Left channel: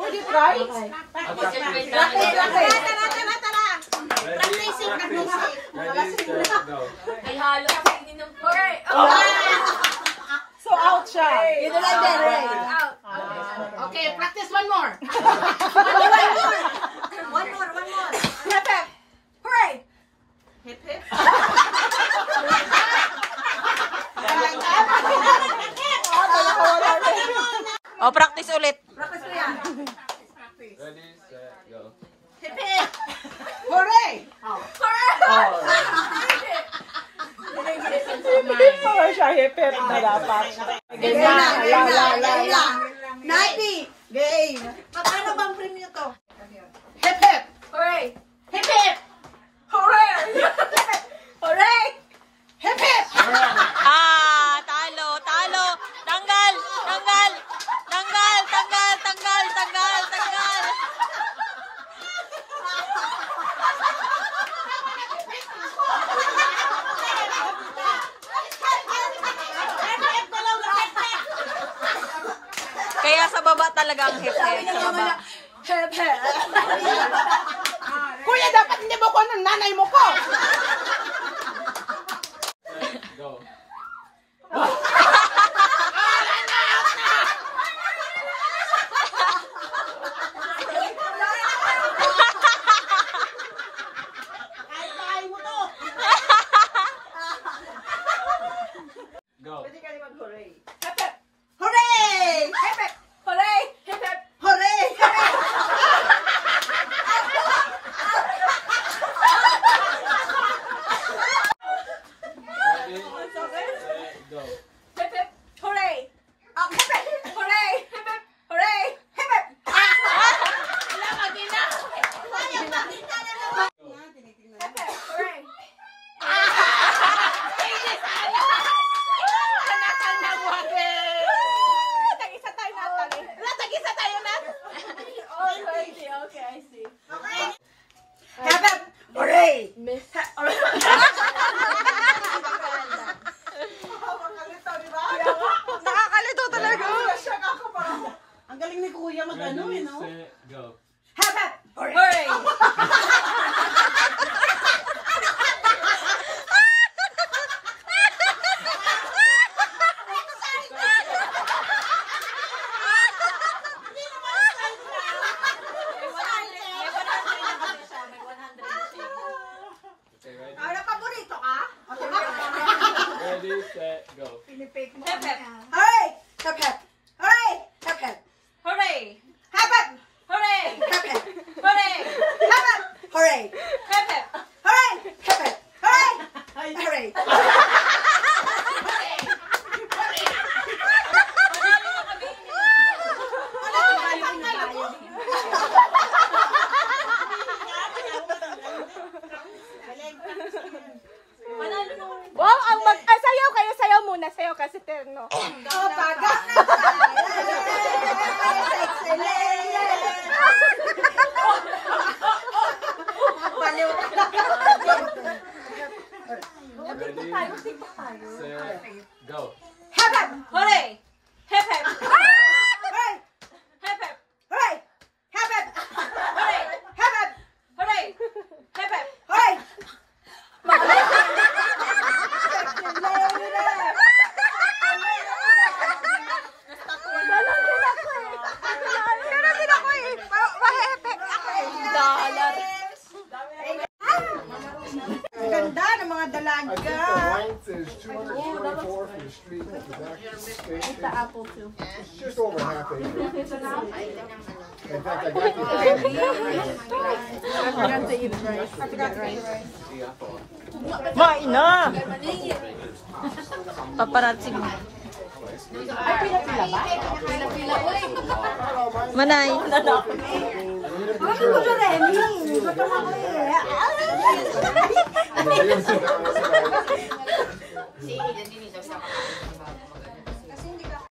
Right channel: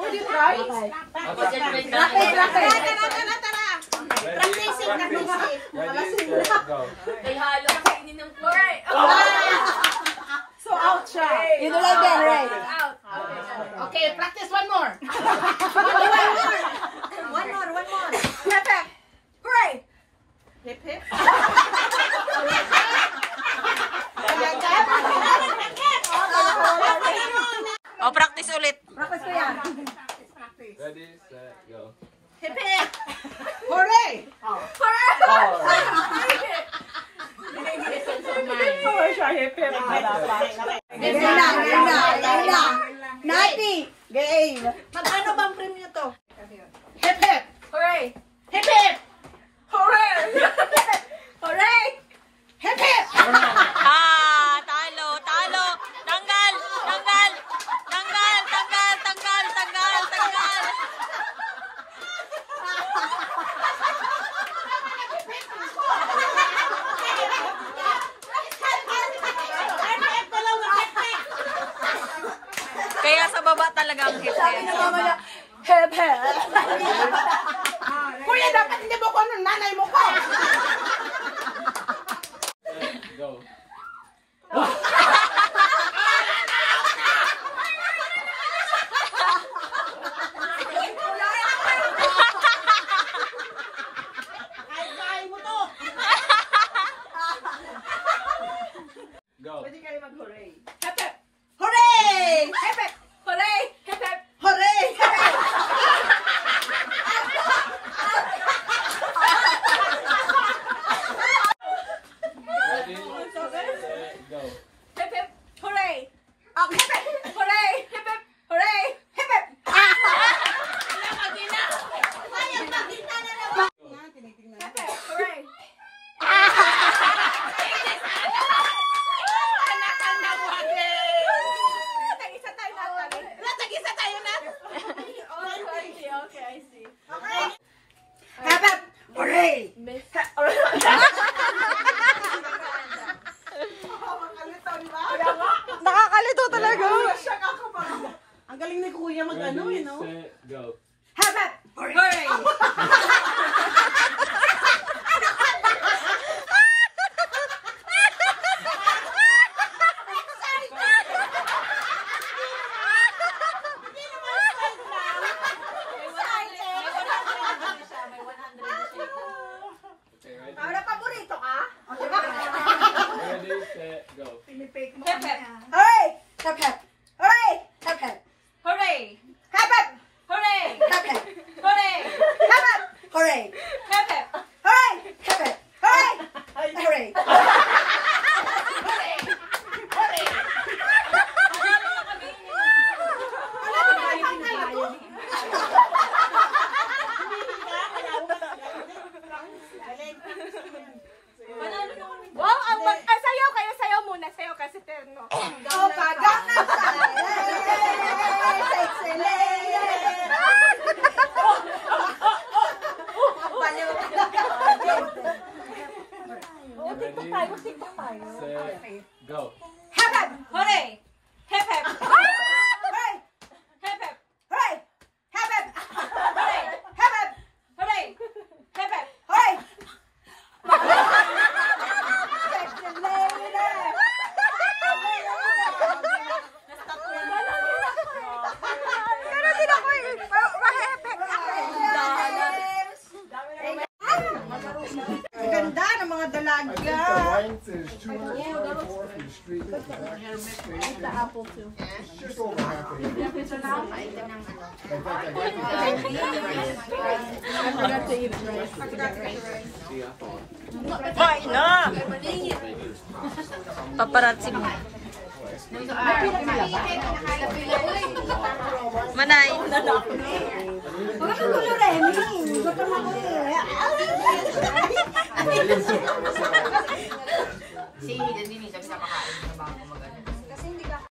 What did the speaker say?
Would you try? Tara. Practicing na Go. Ay, halo kasi inyong kore. So out siya. Dito lang yan, right? Out. Okay, practice one more. One more. Hip hip. Hooray! Hip hip. O, practice ulit. Practice ko yan. Ready, set, go. Hip hip. Hooray! Game na. Napi! Game! Magkano bang premium to? Hip hip. Hooray! Hip hip. Hooray! Hooray! Hip hip. Talo. Tanggal. Kaya sa baba talaga ang hip-hip. Sa baba. Hep. Kuya, dapat hindi mo ko ng nanay mo ko. Go. Go. Hooray! Hip hip. Hooray! Hooray! Hip hip! Hooray! Ready, set, go. Hip hip! Hooray! Hep! Hooray! Hip hip! Hooray! Hep! Hooray! Okay, I see. Hep! Hooray! Nakakalito talaga. Ang galing ni Kuya mag-ano Ready, no? set, go. Hep! Hooray! Okay, ready? Para paborito ka? Ready, set, go. Pinipake mo. Hep hep! Hooray! Hep! Hooray! Hep! Hooray! Hep! Hooray! Hep! Hooray! Hep! Hooray! Hip hip! Hooray! Hep! Hooray! Hooray! Wow, ang sayaw kayo, sayaw muna, sayaw kasi terno. Oh, paga na tayo! Sexy lady! Baliw. Ready, set, go. Hep! Hooray! Hip hip! Hooray! Hip hip! Hooray! Hep! Hooray! Hep! Hooray! Hip hip! Hooray! Pero din ako eh. Mahepek ako eh. Ganda ng mga dalaga. Length is 224 for the street with the back space. The apple too. Just over half acre. In fact, I got I forgot to eat rice. To get rice. Paparazzi mo. Manay. Sige, hindi nito sa makain.